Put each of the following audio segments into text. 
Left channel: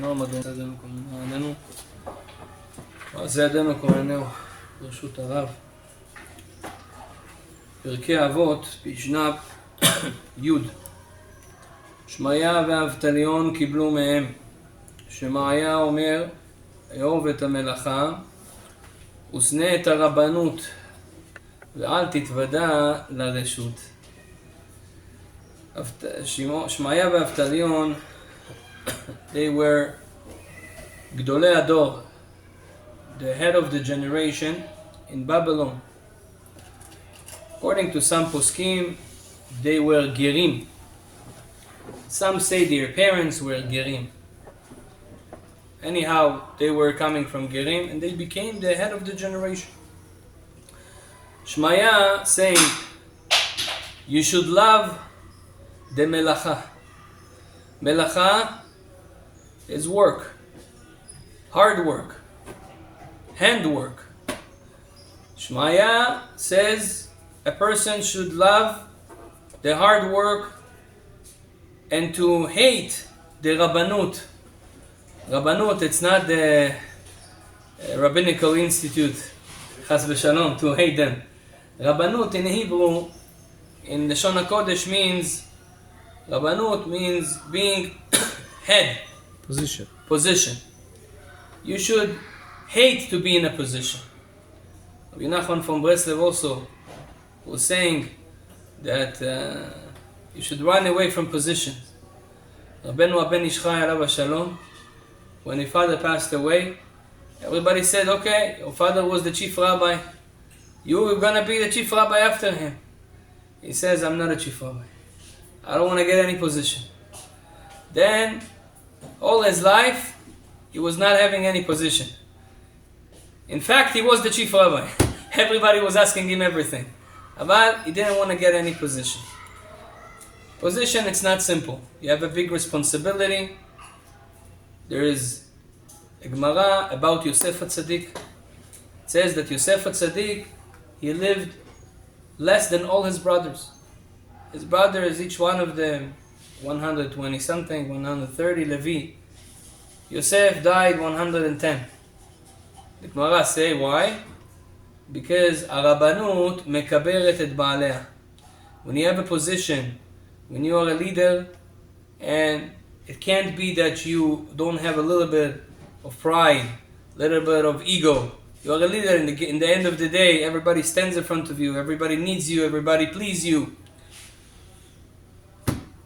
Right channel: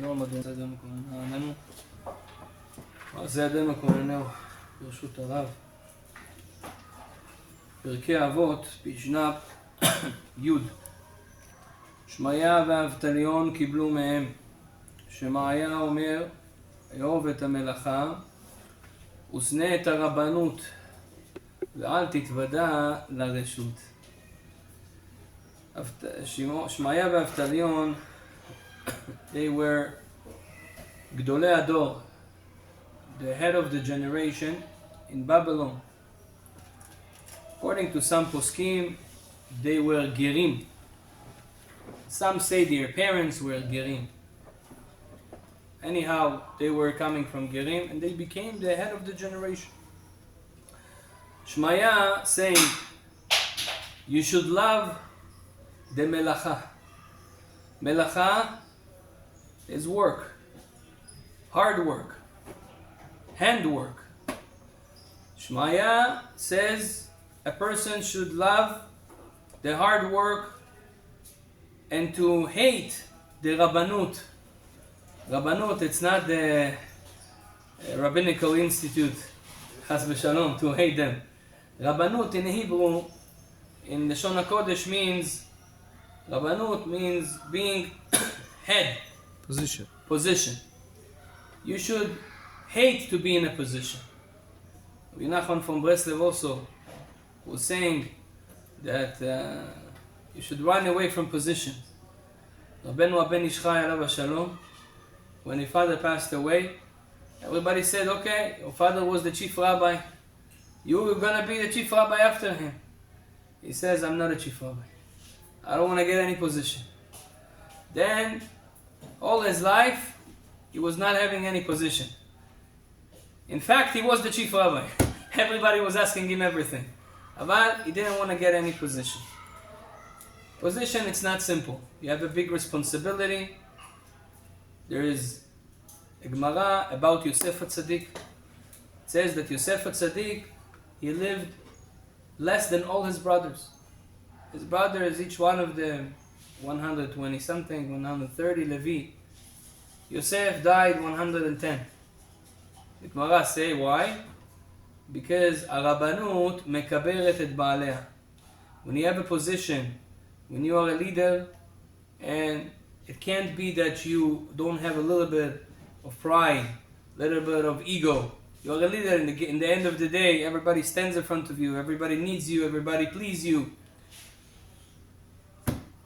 נועם אדון ידינו כהננו, ועשה ידינו כהננו, ברשות הרב. פרקי אבות, פשנה י' שמעיה ואבטליון קיבלו מהם. שמעיה אומר, אהוב את המלאכה ושנא את הרבנות ואל תתוודע לרשות. שמעיה ואבטליון, they were גדולי הדור, the head of the generation in Babylon. According to some poskim, they were gerim. Some say their parents were gerim. Anyhow, they were coming from gerim and they became the head of the generation. Shmaya saying, you should love the melacha. Melacha is work, hard work, handwork. Shmaya says a person should love the hard work and to hate the Rabbanut. Rabbanut, it's not the Rabbinical Institute, Chas v'shalom, to hate them. Rabbanut in Hebrew, in the Lashon HaKodesh means, Rabbanut means being head. Position. You should hate to be in a position. Rabbi Nachman from Breslev also was saying that you should run away from positions. Rabbeinu Aben Ishchai alav shalom, when his father passed away, everybody said, okay, your father was the chief rabbi, you were going to be the chief rabbi after him. He says, I'm not a chief rabbi. I don't want to get any position. Then, all his life, he was not having any position. In fact, he was the chief rabbi. Everybody was asking him everything. But he didn't want to get any position. Position, it's not simple. You have a big responsibility. There is a Gemara about Yosef HaTzadik. It says that Yosef HaTzadik, he lived less than all his brothers. His brothers, each one of them, 120 something, 130, Levi. Yosef died 110. The Gemara say why? Because Arabanut mekaberet et baalea. When you have a position, when you are a leader, and it can't be that you don't have a little bit of pride, a little bit of ego. You are a leader. In the end of the day, everybody stands in front of you. Everybody needs you. Everybody please you.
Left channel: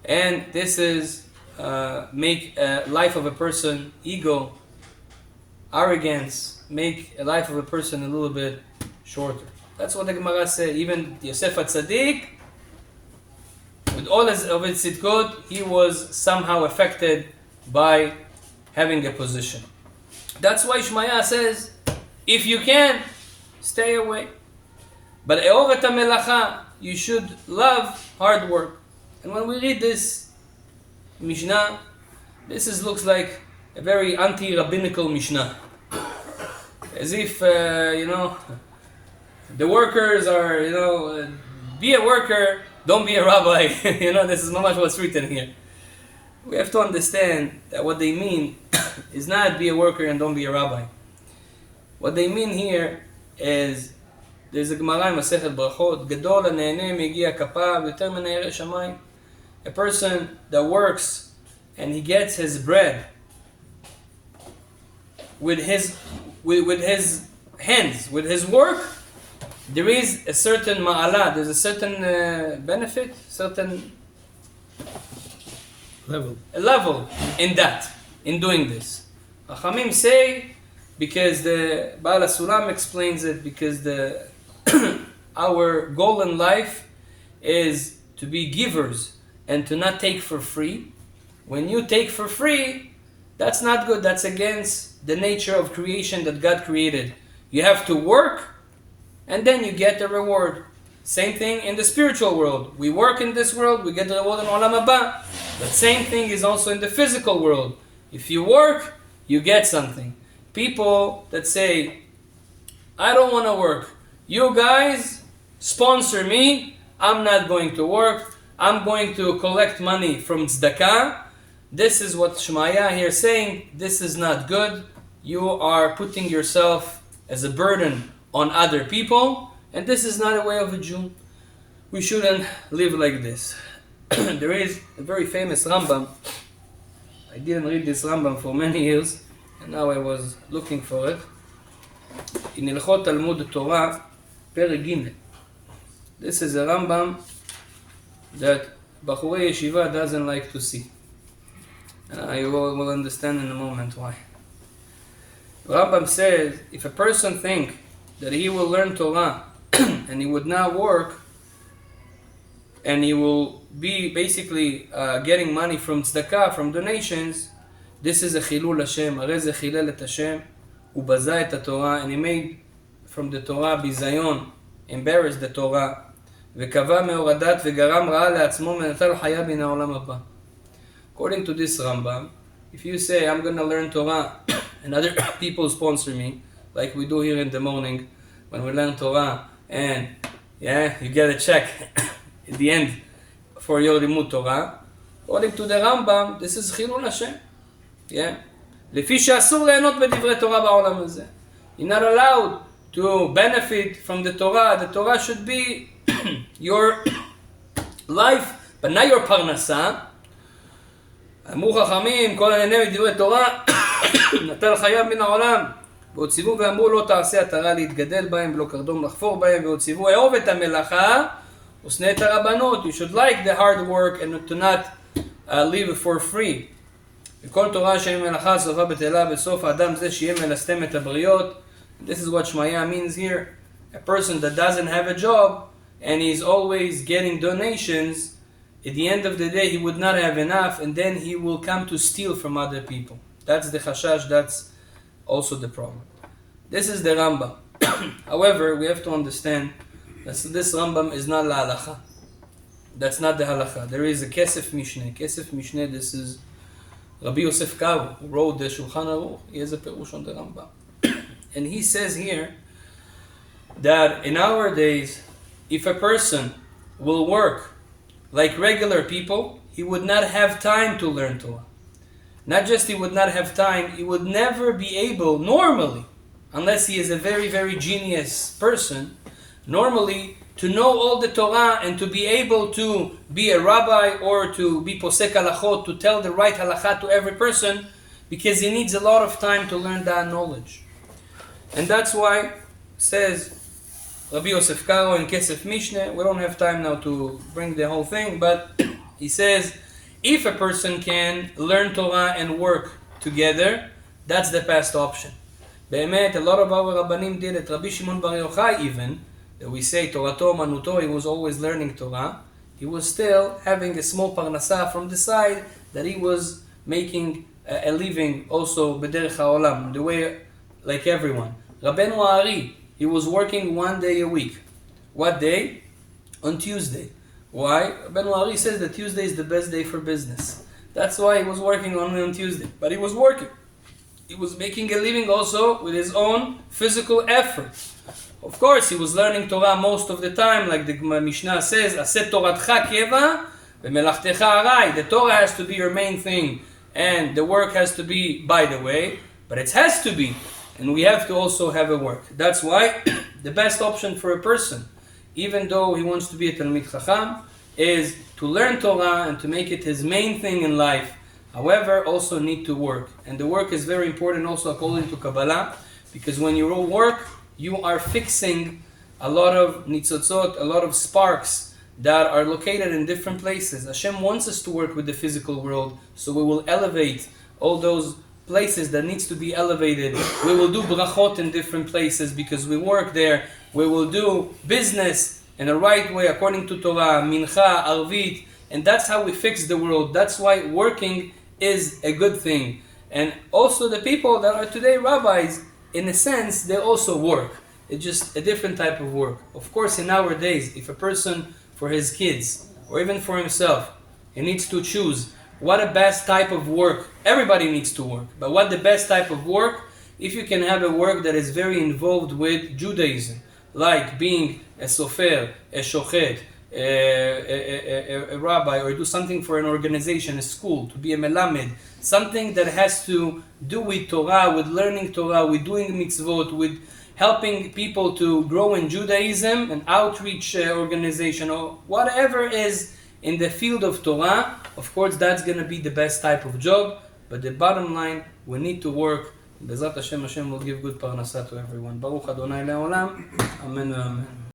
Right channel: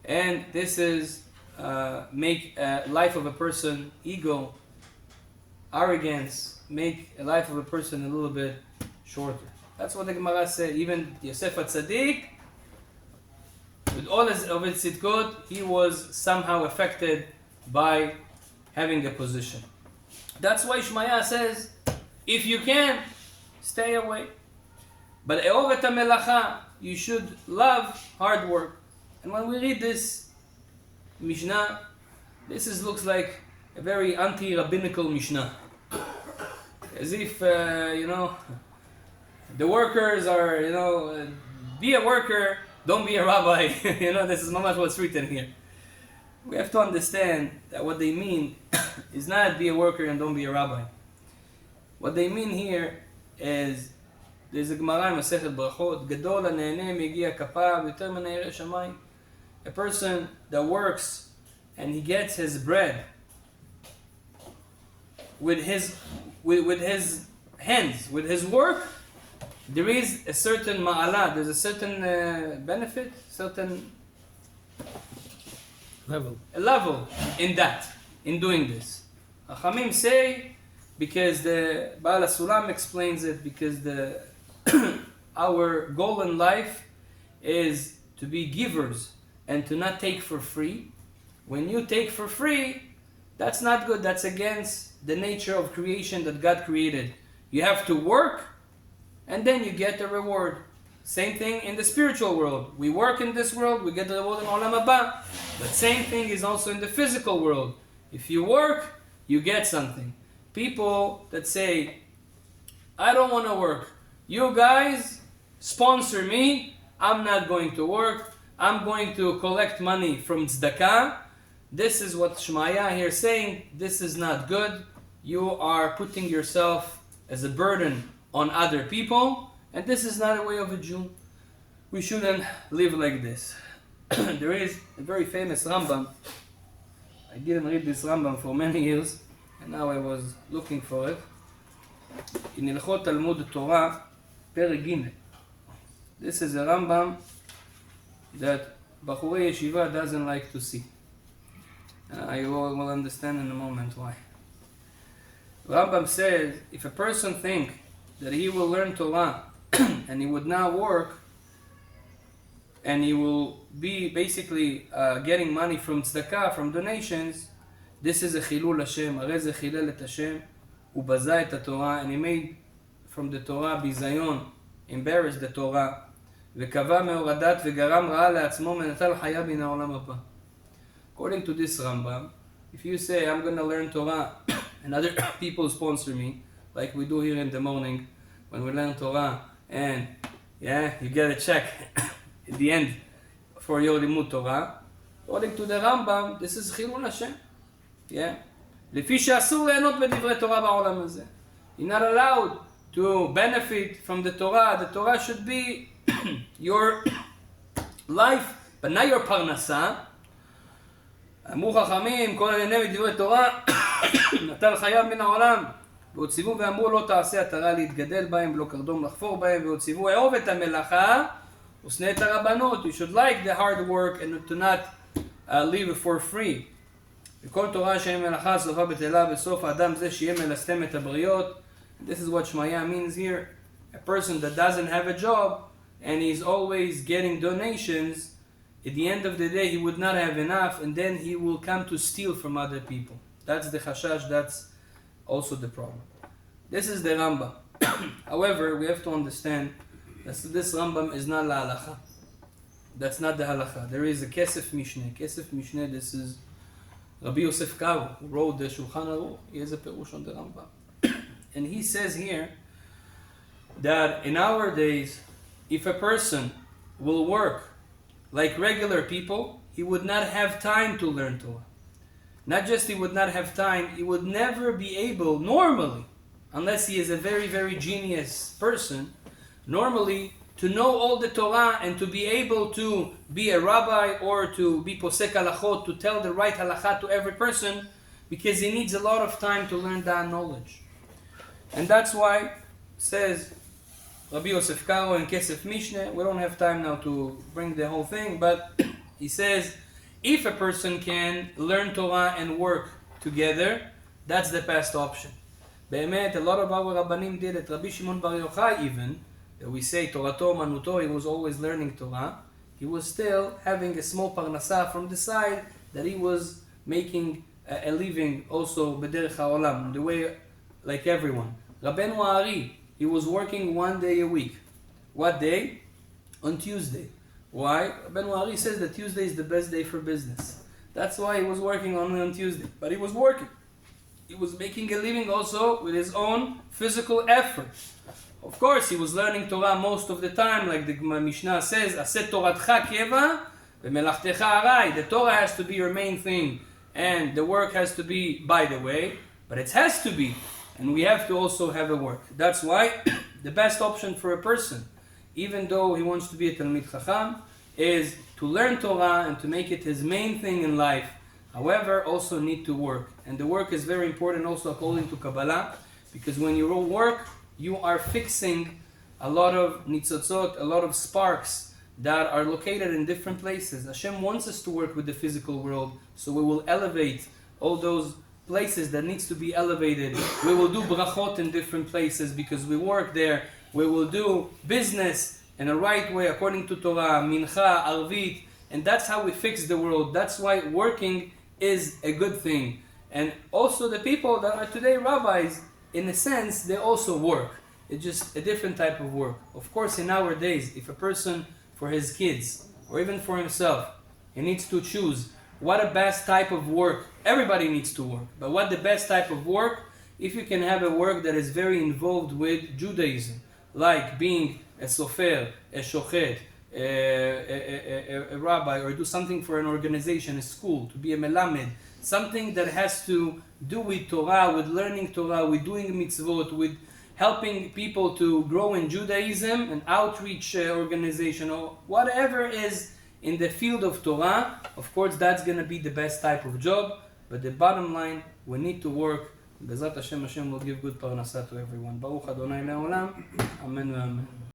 And this is make a life of a person, ego, arrogance, make a life of a person a little bit shorter. That's what the Gemara said. Even Yosef HaTzadik, with all of his tzidkot, he was somehow affected by having a position. That's why Shmaya says, if you can, stay away. But e'ov et melacha, you should love hard work. And when we read this Mishnah, looks like a very anti-rabbinical Mishnah. As if, the workers are, be a worker, don't be a rabbi. This is mamash what's written here. We have to understand that what they mean is not be a worker and don't be a rabbi. What they mean here is, there's a Gemara in Masechet Brachot, Gadol hanehene migi'a kapav yoter min hayireh shamayim. A person that works and he gets his bread with his hands, with his work, there is a certain ma'ala, there's a certain benefit, certain level in doing this. Chachamim say, because the Baal HaSulam explains it, because our goal in life is to be givers and to not take for free. When you take for free, that's not good. That's against the nature of creation that God created. You have to work and then you get the reward. Same thing in the spiritual world. We work in this world, we get the reward in Olam Haba. But same thing is also in the physical world. If you work, you get something. People that say, I don't want to work. You guys sponsor me. I'm not going to work. I'm going to collect money from tzedakah. This is what Shmaya here is saying. This is not good. You are putting yourself as a burden on other people, and this is not a way of a Jew. We shouldn't live like this. There is a very famous Rambam. I didn't read this Rambam for many years, and now I was looking for it. In Hilchot Talmud Torah, Perek Gimel. This is a Rambam that Bachurei Yeshiva doesn't like to see. You will understand in a moment why. Rambam says, if a person thinks that he will learn Torah and he would not work, and he will be basically getting money from tzedakah, from donations, this is a chilul Hashem. Arei ze chilel et Hashem, ubaza et haTorah, and he made from the Torah bizayon, embarrassed the Torah, וקבע מהורדת וגרם רעה לעצמו ונטל חיה מן העולם הבא. According to this Rambam, if you say, I'm going to learn Torah and other people sponsor me, like we do here in the morning when we learn Torah, and you get a check at the end for your limud Torah, according to the Rambam, this is חילול השם. לפי שאסור ליהנות בדברי תורה בעולם הזה. You're not allowed to benefit from the Torah. The Torah should be your life, but not your parnasa. אמרו חכמים, כל הנהנה מדברי תורה, נטל חייו מן העולם. ועוד ציוו ואמרו לא תעשה עטרה להתגדל בהם ולא קרדום לחפור בהם, ועוד ציוו אהוב את המלאכה ושנא את הרבנות. You should like the hard work and to not live for free. וכל תורה שאין מלאכה סופה בטלה בסוף האדם זה שיהיה מלסתם את הבריות. This is what Shmaya means here. A person that doesn't have a job and he's always getting donations, at the end of the day he would not have enough, and then he will come to steal from other people. That's the chashash, that's also the problem. This is the Rambam. However, we have to understand that this Rambam is not la halacha. That's not the halacha. There is a Kesef Mishneh. Kesef Mishneh, this is Rabbi Yosef Karo, who wrote the Shulchan Aruch. He has a perush on the Rambam. And he says here that in our days, if a person will work like regular people, he would not have time to learn Torah. Not just he would not have time, he would never be able, normally, unless he is a very, very genius person, normally to know all the Torah and to be able to be a rabbi or to be posek halachot, to tell the right halakha to every person, because he needs a lot of time to learn that knowledge. And that's why, says Rabbi Yosef Karo in Kesef Mishneh, we don't have time now to bring the whole thing, but he says, if a person can learn Torah and work together, that's the best option. Be'emet, a lot of our Rabbanim did it. Rabbi Shimon Bar Yochai even, that we say Torato Manuto, he was always learning Torah, he was still having a small parnasa from the side that he was making a living also b'derech ha'olam, the way like everyone. Rabbeinu Ari, he was working 1 day a week. What day? On Tuesday. Why? Rabbeinu Ari says that Tuesday is the best day for business. That's why he was working only on Tuesday. But he was working. He was making a living also with his own physical effort. Of course, he was learning Torah most of the time, like the Mishnah says, Aset Toratcha keva v'melachtecha arai. The Torah has to be your main thing, and the work has to be by the way, but it has to be, and we have to also have a work. That's why the best option for a person, even though he wants to be a Talmid Chacham, is to learn Torah and to make it his main thing in life. However, also need to work. And the work is very important also according to Kabbalah, because when you work, you are fixing a lot of nitzotzot, a lot of sparks that are located in different places. Hashem wants us to work with the physical world, so we will elevate all those places that needs to be elevated. We will do brachot in different places because we work there. We will do business in the right way according to Torah, mincha, arvit, and that's how we fix the world. That's why working is a good thing. And also the people that are today rabbis, in a sense, they also work. It's just a different type of work. Of course, in our days, if a person, for his kids, or even for himself, he needs to choose what a best type of work. Everybody needs to work. But what the best type of work? If you can have a work that is very involved with Judaism, like being a sofer, a shochet, a rabbi, or do something for an organization, a school, to be a melamed, something that has to do with Torah, with learning Torah, with doing mitzvot, with helping people to grow in Judaism, an outreach organization, or whatever is in the field of Torah, of course that's going to be the best type of job. But the bottom line, we need to work. Bezrat Hashem, Hashem will give good parnasa to everyone. Baruch Adonai Le'olam. Amen. Amen.